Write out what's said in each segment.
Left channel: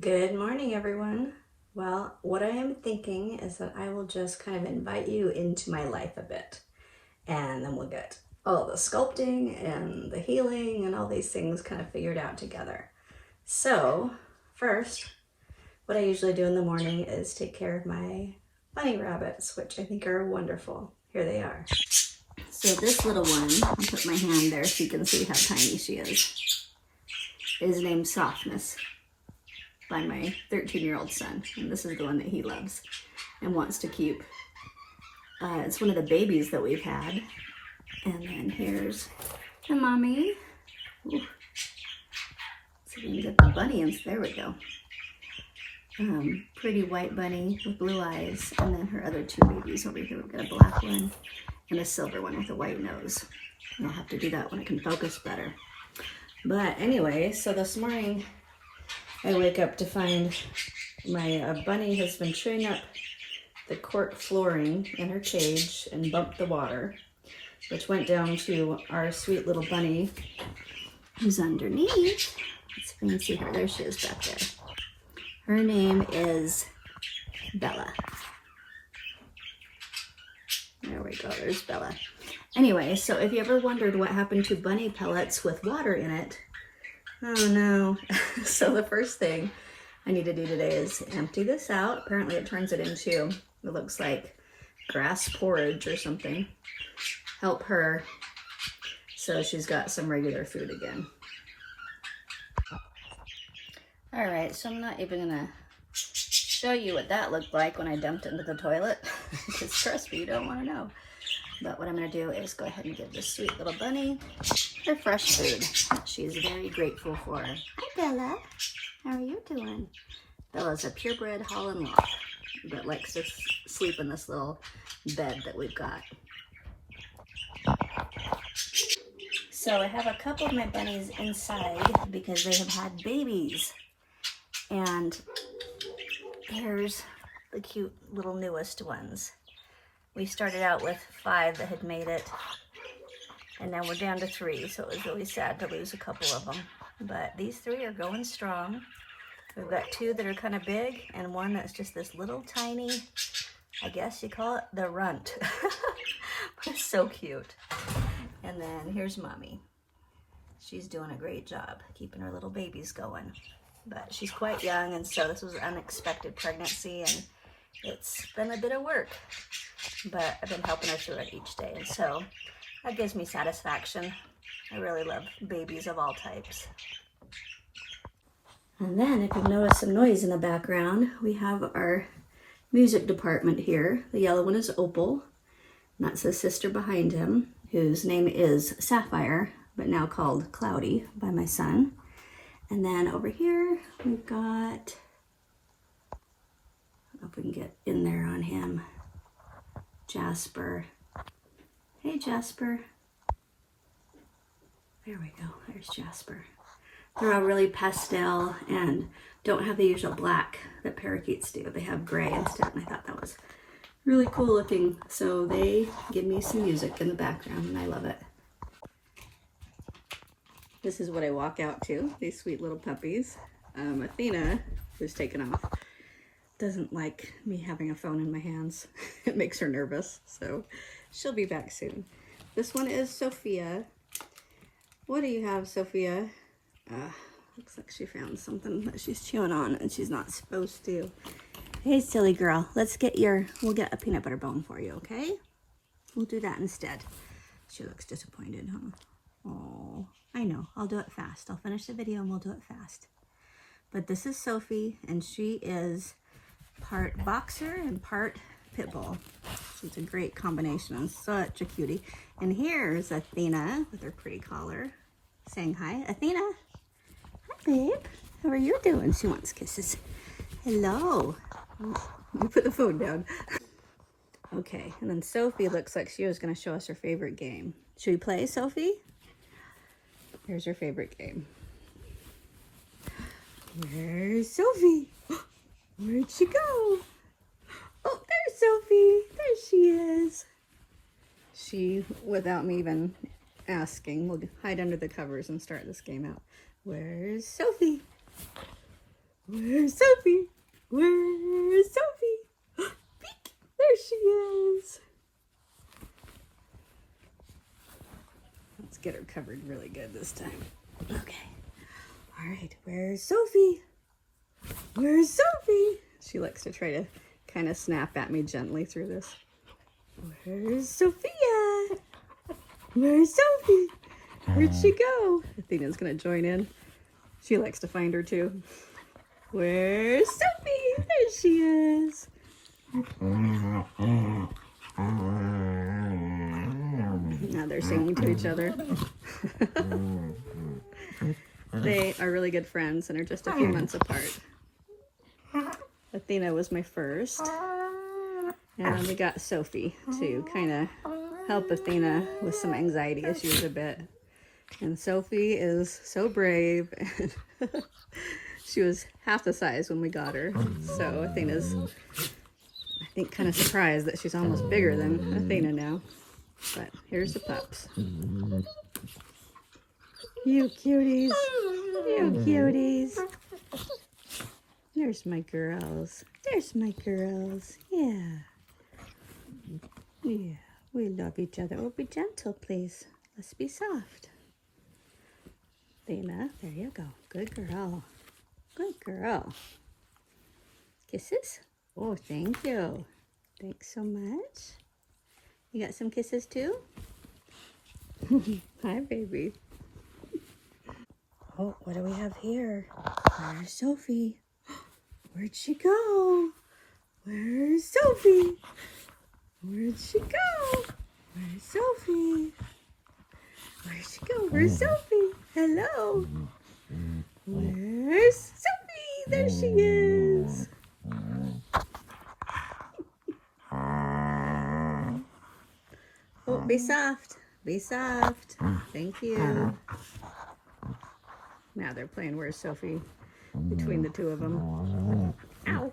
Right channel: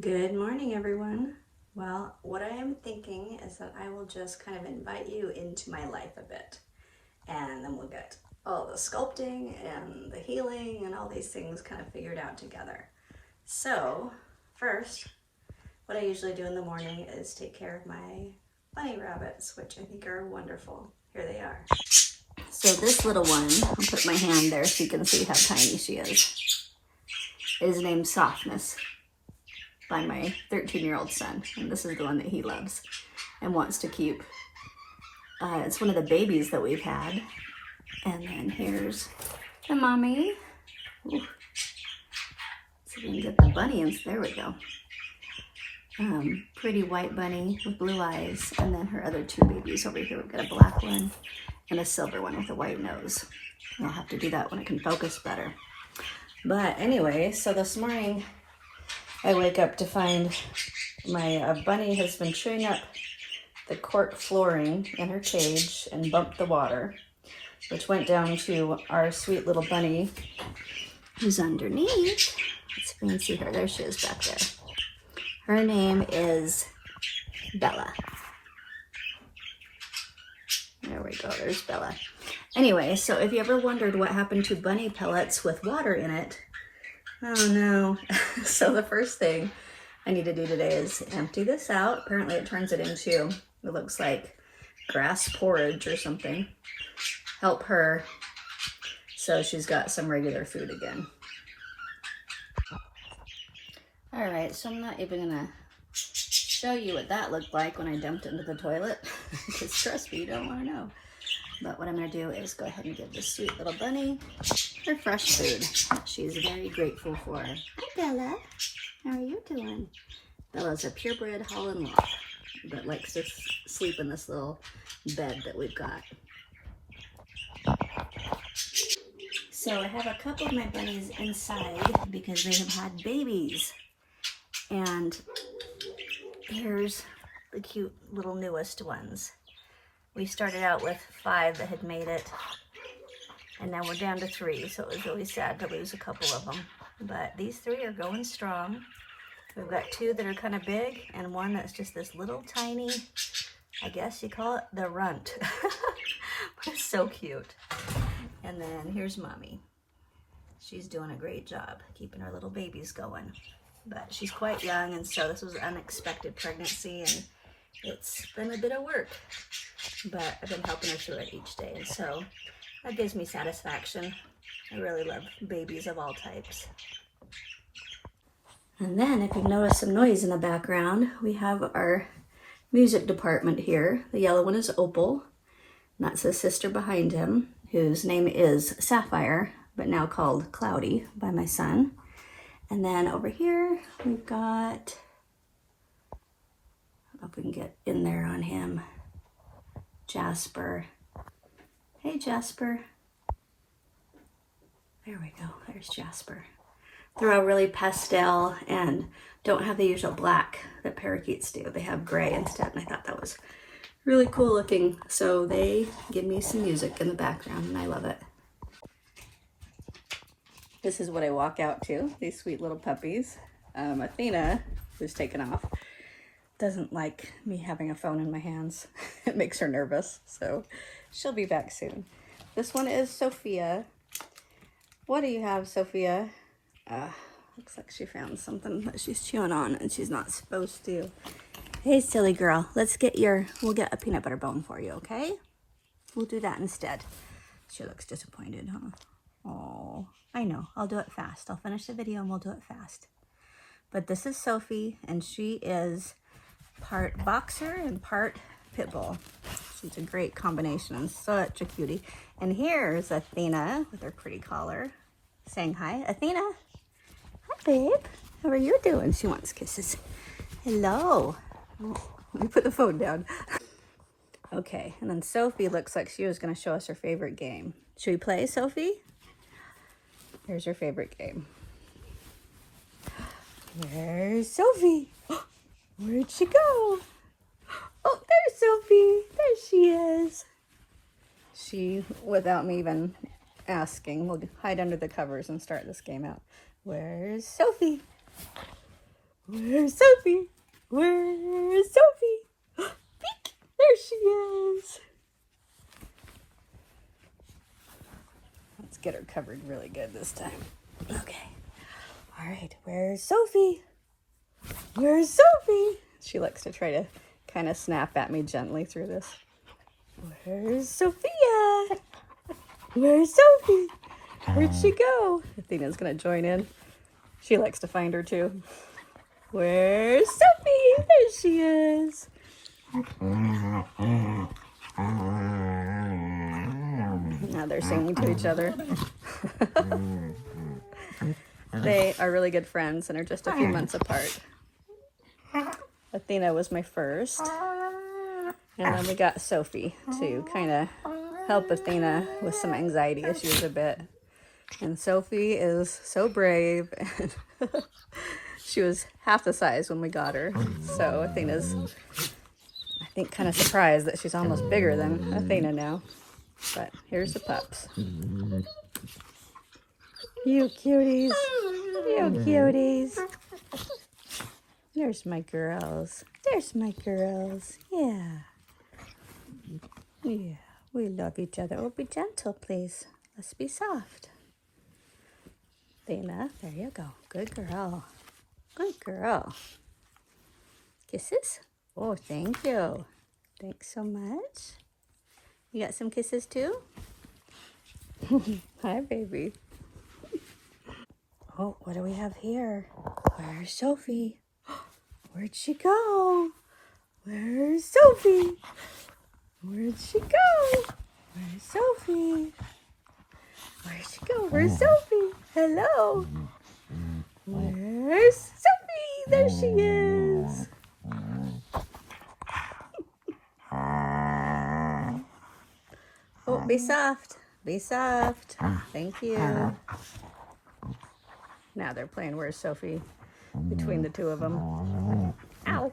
Good morning, everyone. Well, what I am thinking is that I will just kind of invite you into my life a bit, and then we'll get all the sculpting and the healing and all these things kind of figured out together. So, first, what I usually do in the morning is take care of my bunny rabbits, which I think are wonderful. Here they are. So this little one, I'll put my hand there so you can see how tiny she is named Softness by my 13-year-old son, and this is the one that he loves and wants to keep. It's one of the babies that we've had. And then here's the mommy. Ooh. So we can get the bunny in. There we go. Pretty white bunny with blue eyes, and then her other two babies over here. We've got a black one and a silver one with a white nose. I'll have to do that when I can focus better. But anyway, so this morning I wake up to find my bunny has been chewing up the cork flooring in her cage and bumped the water, which went down to our sweet little bunny who's underneath. Let's see if we can see her. There she is back there. Her name is Bella. There we go, there's Bella. Anyway, so if you ever wondered what happened to bunny pellets with water in it, oh no. So the first thing I need to do today is empty this out. Apparently it turns it into, it looks like grass porridge or something. Help her so she's got some regular food again. All right, so I'm not even gonna show you what that looked like when I dumped it into the toilet, because trust me, you don't wanna know. But what I'm gonna do is go ahead and give this sweet little bunny her fresh food. She's very grateful for. Hi Bella, how are you doing? Bella's a purebred Holland Loch, but likes to sleep in this little bed that we've got. So I have a couple of my bunnies inside because they have had babies. And here's the cute little newest ones. We started out with 5 that had made it, and now we're down to 3, so it was really sad to lose a couple of them. But these 3 are going strong. We've got 2 that are kind of big, and 1 that's just this little tiny, I guess you call it the runt. It's so cute. And then here's Mommy. She's doing a great job keeping her little babies going. But she's quite young, and so this was an unexpected pregnancy, and it's been a bit of work, but I've been helping her through it each day, and so that gives me satisfaction. I really love babies of all types. And then if you've noticed some noise in the background, we have our music department here. The yellow one is Opal, and that's his sister behind him, whose name is Sapphire, but now called Cloudy by my son. And then over here, we've got, I don't know if we can get in there on him, Jasper. Hey, Jasper. There we go, there's Jasper. They're all really pastel and don't have the usual black that parakeets do. They have gray instead, and I thought that was really cool looking. So they give me some music in the background, and I love it. This is what I walk out to, these sweet little puppies. Athena, who's taken off, doesn't like me having a phone in my hands. It makes her nervous, so she'll be back soon. This one is Sophia. What do you have, Sophia? Looks like she found something that she's chewing on and she's not supposed to. Hey, silly girl, we'll get a peanut butter bone for you, okay? We'll do that instead. She looks disappointed, huh? Oh, I know, I'll do it fast. I'll finish the video and we'll do it fast. But this is Sophie, and she is part boxer and part pit bull. She's a great combination and such a cutie. And here's Athena with her pretty collar saying hi. Athena, hi babe, how are you doing? She wants kisses. Hello. Oh, let me put the phone down. Okay, and then Sophie looks like she was gonna show us her favorite game. Should we play, Sophie? Here's her favorite game. Where's Sophie? Where'd she go? Oh, there's Sophie. There she is. She, without me even asking, will hide under the covers and start this game out. Where's Sophie? Where's Sophie? Where's Sophie? Peek! There she is. Let's get her covered really good this time. Okay. All right. Where's Sophie? Where's Sophie? She likes to try to kind of snap at me gently through this. Where's Sophia? Where's Sophie? Where'd she go? Athena's gonna join in. She likes to find her too. Where's Sophie? There she is. Now they're singing to each other. They are really good friends and are just a few months apart. Athena was my first. And then we got Sophie to kind of help Athena with some anxiety issues a bit. And Sophie is so brave. She was half the size when we got her. So Athena's, I think, kind of surprised that she's almost bigger than Athena now. But here's the pups. You cuties. You cuties. There's my girls. There's my girls. Yeah. Yeah. We love each other. Oh, be gentle, please. Let's be soft. Athena, there you go. Good girl. Good girl. Kisses? Oh, thank you. Thanks so much. You got some kisses too? Hi, baby. Oh, what do we have here? Where's Sophie? Where'd she go? Where's Sophie? Where'd she go? Where's Sophie? Where'd she go? Where's Sophie? Hello? Where's Sophie? There she is. Oh, be soft. Be soft. Thank you. Now they're playing Where's Sophie between the two of them. Ow.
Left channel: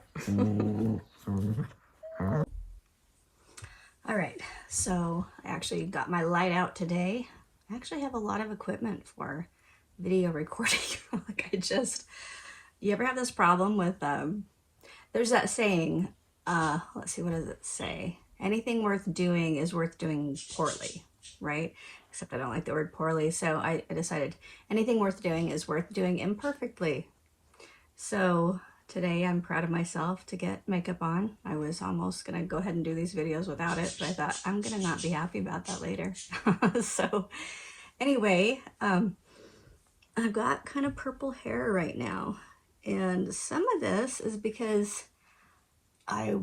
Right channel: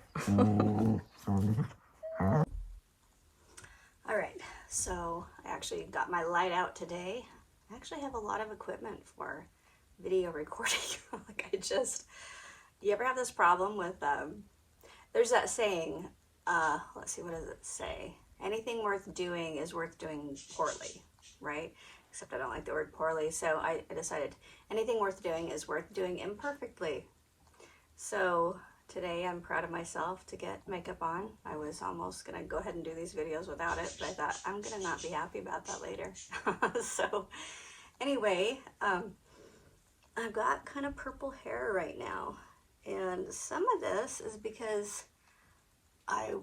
All right, so I actually got my light out today. I actually have a lot of equipment for video recording. You ever have this problem with, there's that saying, let's see, what does it say? Anything worth doing is worth doing poorly, right? Except I don't like the word poorly, so I decided anything worth doing is worth doing imperfectly. So today I'm proud of myself to get makeup on. I was almost gonna go ahead and do these videos without it, but I thought I'm gonna not be happy about that later. So anyway, I've got kind of purple hair right now. And some of this is because I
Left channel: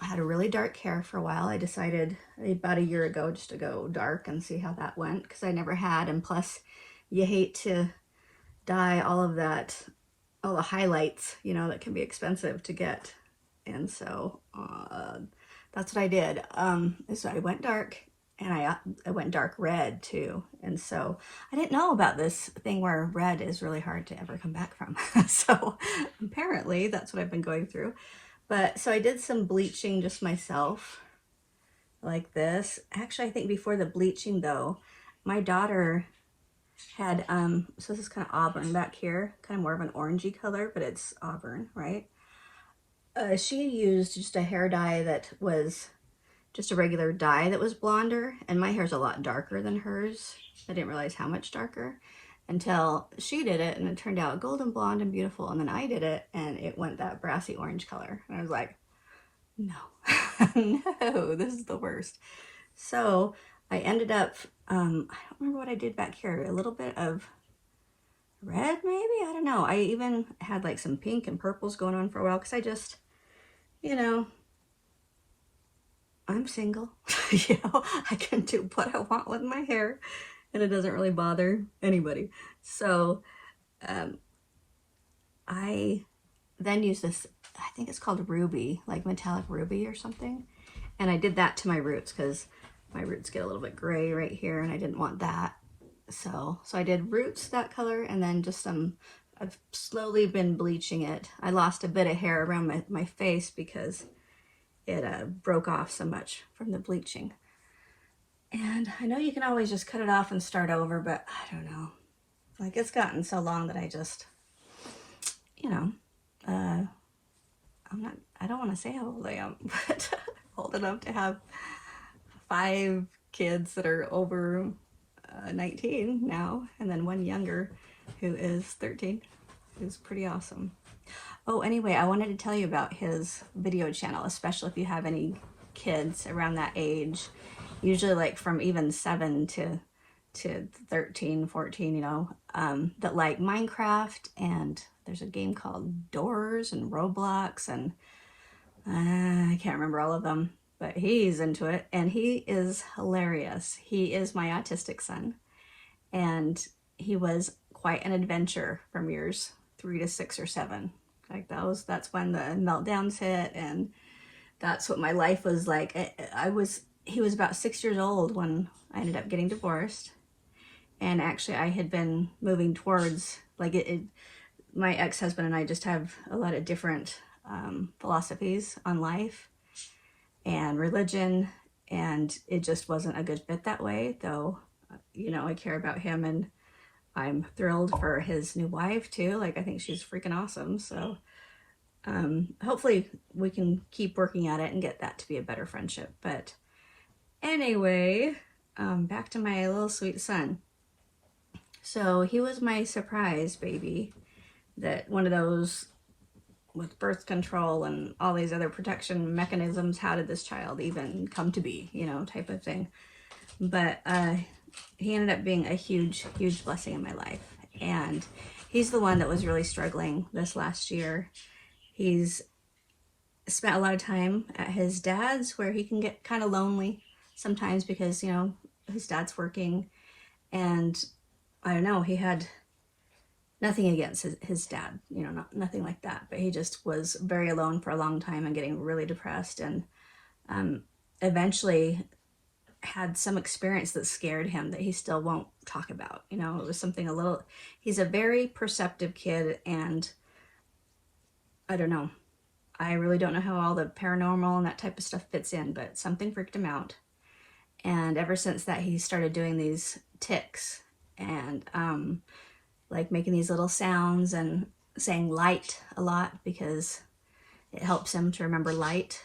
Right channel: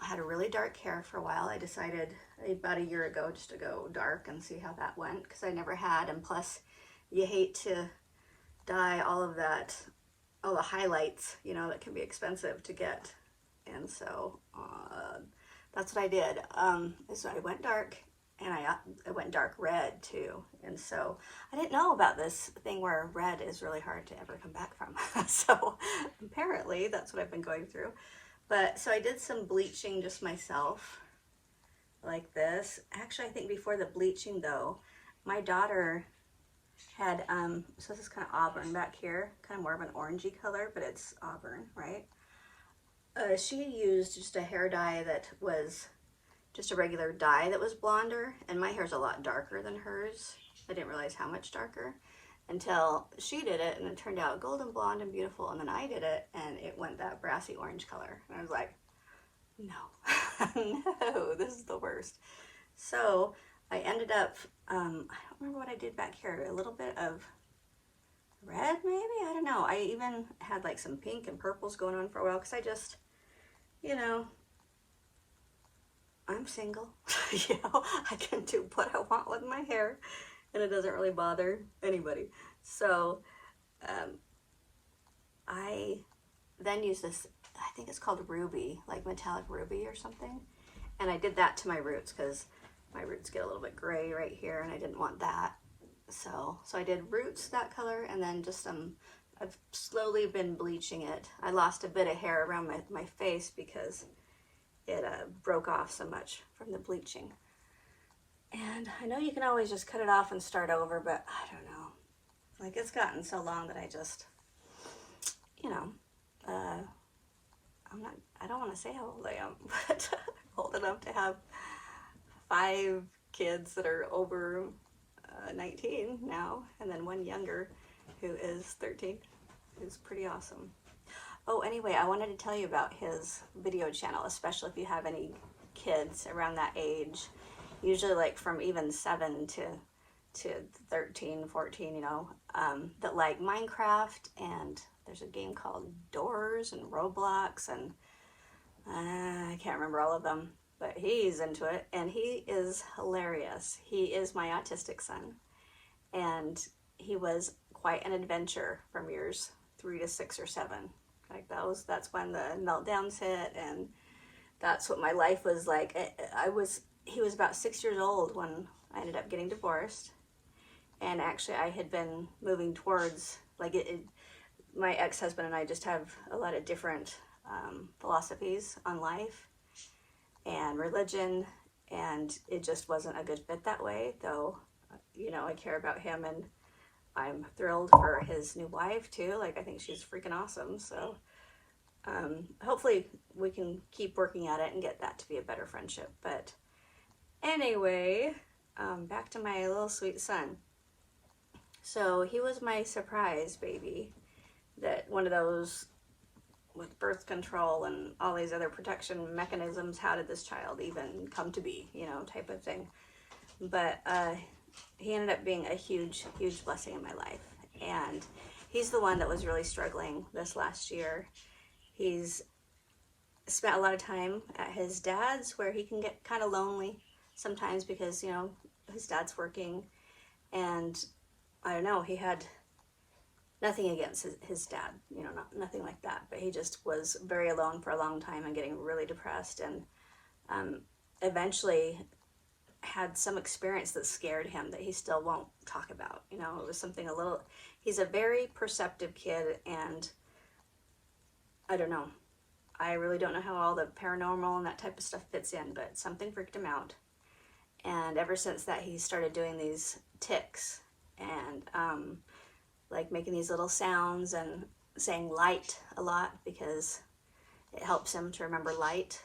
had a really dark hair for a while. I decided about a year ago just to go dark and see how that went, because I never had. And plus, you hate to dye all of that, all the highlights, you know, that can be expensive to get. And so that's what I did. So I went dark, and I went dark red too. And so I didn't know about this thing where red is really hard to ever come back from. So apparently that's what I've been going through. But so I did some bleaching just myself, like this. Actually, I think before the bleaching though, my daughter had, so this is kind of auburn back here, kind of more of an orangey color, but it's auburn, right? She used just a hair dye that was just a regular dye that was blonder, and my hair's a lot darker than hers. I didn't realize how much darker until she did it, and it turned out golden blonde and beautiful. And then I did it, and it went that brassy orange color. And I was like, no, no, this is the worst. So I ended up, I don't remember what I did back here, a little bit of red maybe, I don't know. I even had like some pink and purples going on for a while, because I just, you know, I'm single. You know, I can do what I want with my hair, and it doesn't really bother anybody. So I then use this, I think it's called Ruby, like metallic ruby or something. And I did that to my roots, because my roots get a little bit gray right here, and I didn't want that. So I did roots that color, and then just some, I've slowly been bleaching it. I lost a bit of hair around my face because it broke off so much from the bleaching. And I know you can always just cut it off and start over, but I don't know. Like, it's gotten so long that I just, you know, want to say how old I am, but old enough to have 5 kids that are over 19 now, and then one younger who is 13. It's pretty awesome. Oh, anyway, I wanted to tell you about his video channel, especially if you have any kids around that age, usually like from even 7 to 13, 14, you know, that like Minecraft, and there's a game called Doors and Roblox, and I can't remember all of them, but he's into it, and he is hilarious. He is my autistic son, and he was quite an adventure from years 3 to 6 or 7. Like that's when the meltdowns hit, and that's what my life was like. He was about 6 years old when I ended up getting divorced, and actually I had been moving towards, like, my ex-husband and I just have a lot of different philosophies on life and religion, and it just wasn't a good fit that way, though, you know, I care about him, and I'm thrilled for his new wife too. Like, I think she's freaking awesome. So hopefully we can keep working at it and get that to be a better friendship. But anyway, back to my little sweet son. So he was my surprise baby, that one of those with birth control and all these other protection mechanisms, how did this child even come to be, you know, type of thing. But he ended up being a huge, huge blessing in my life. And he's the one that was really struggling this last year. He's spent a lot of time at his dad's, where he can get kind of lonely sometimes because, you know, his dad's working. And I don't know, he had nothing against his dad, you know, nothing like that. But he just was very alone for a long time and getting really depressed. And eventually had some experience that scared him that he still won't talk about. You know, it was something a little, he's a very perceptive kid, and I don't know. I really don't know how all the paranormal and that type of stuff fits in, but something freaked him out. And ever since that, he started doing these tics and like making these little sounds and saying light a lot, because it helps him to remember light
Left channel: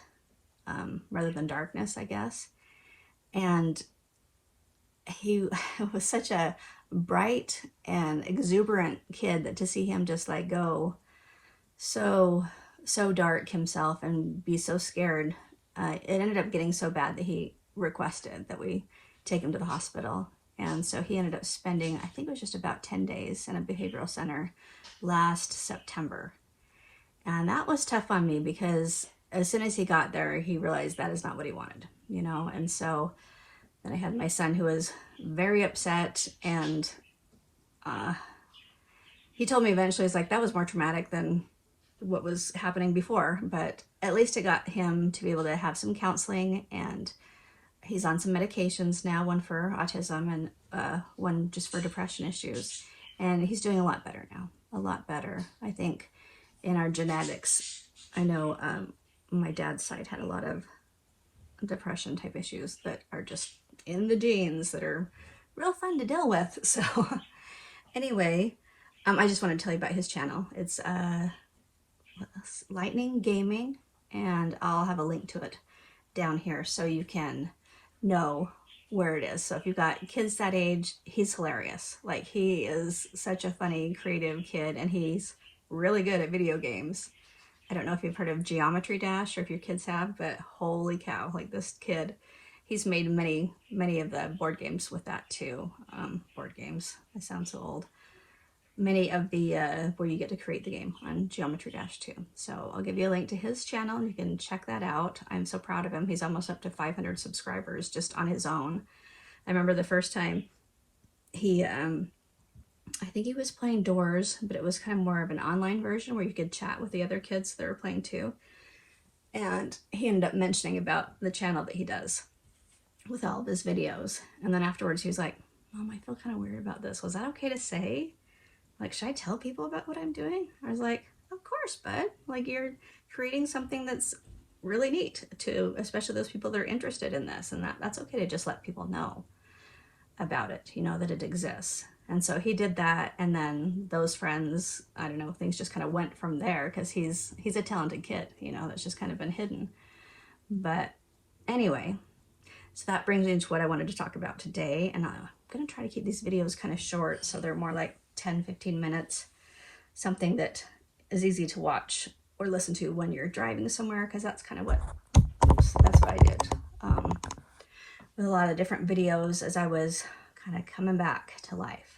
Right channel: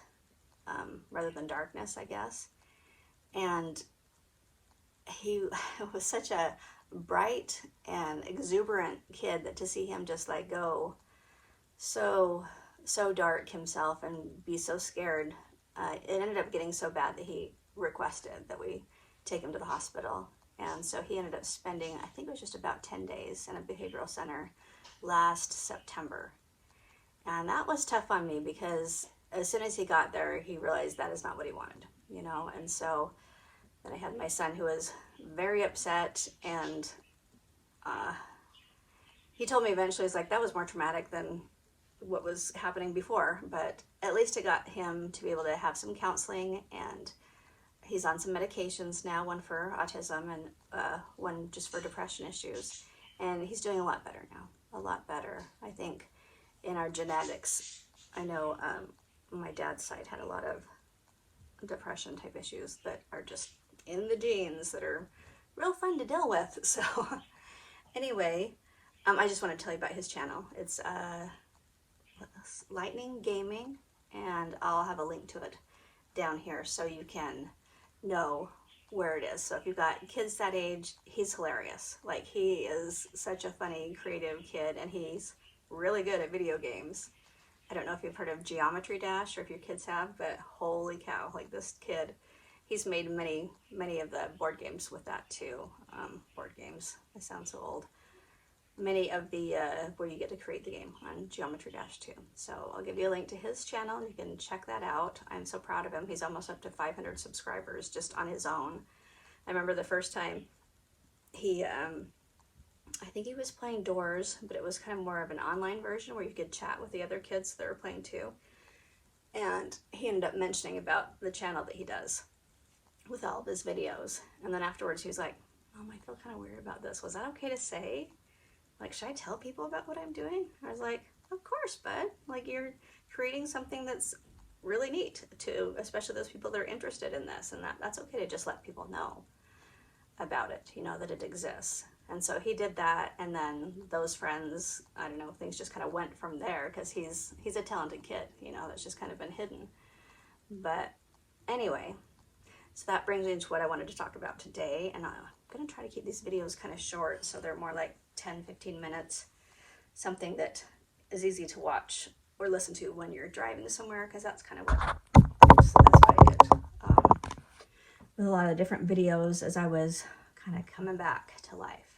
rather than darkness, I guess. And he was such a bright and exuberant kid that to see him just like go so dark himself and be so scared, it ended up getting so bad that he requested that we take him to the hospital. And so he ended up spending, I think it was just about 10 days in a behavioral center last September. And that was tough on me, because as soon as he got there, he realized that is not what he wanted, you know. And so then I had my son, who was very upset, and he told me eventually, it's like, that was more traumatic than what was happening before, but at least it got him to be able to have some counseling, and he's on some medications now, one for autism and one just for depression issues. And he's doing a lot better now, a lot better. I think in our genetics, I know my dad's side had a lot of depression type issues that are just in the genes that are real fun to deal with. So anyway, I just want to tell you about his channel. It's Lightning Gaming, and I'll have a link to it down here so you can know where it is. So if you've got kids that age, he's hilarious. Like, he is such a funny, creative kid, and he's really good at video games. I don't know if you've heard of Geometry Dash or if your kids have, but holy cow, like, this kid, he's made many of the board games with that too. Board games, I sound so old. Many of the where you get to create the game on Geometry Dash too. So I'll give you a link to his channel, and you can check that out. I'm so proud of him. He's almost up to 500 subscribers just on his own. I remember the first time he, I think he was playing Doors, but it was kind of more of an online version where you could chat with the other kids that were playing too. And he ended up mentioning about the channel that he does with all of his videos. And then afterwards he was like, Mom, I feel kind of weird about this. Was that okay to say? Like, should I tell people about what I'm doing? I was like, of course, bud. Like, you're creating something that's really neat to, especially those people that are interested in this, and that's okay to just let people know about it, you know, that it exists. And so he did that, and then those friends, I don't know, things just kind of went from there, because he's a talented kid, you know, that's just kind of been hidden. But anyway, so that brings me to what I wanted to talk about today, and I'm gonna try to keep these videos kind of short, so they're more like 10-15 minutes, something that is easy to watch or listen to when you're driving somewhere, because that's kind of what, oops, that's what I did with a lot of different videos as I was kind of coming back to life.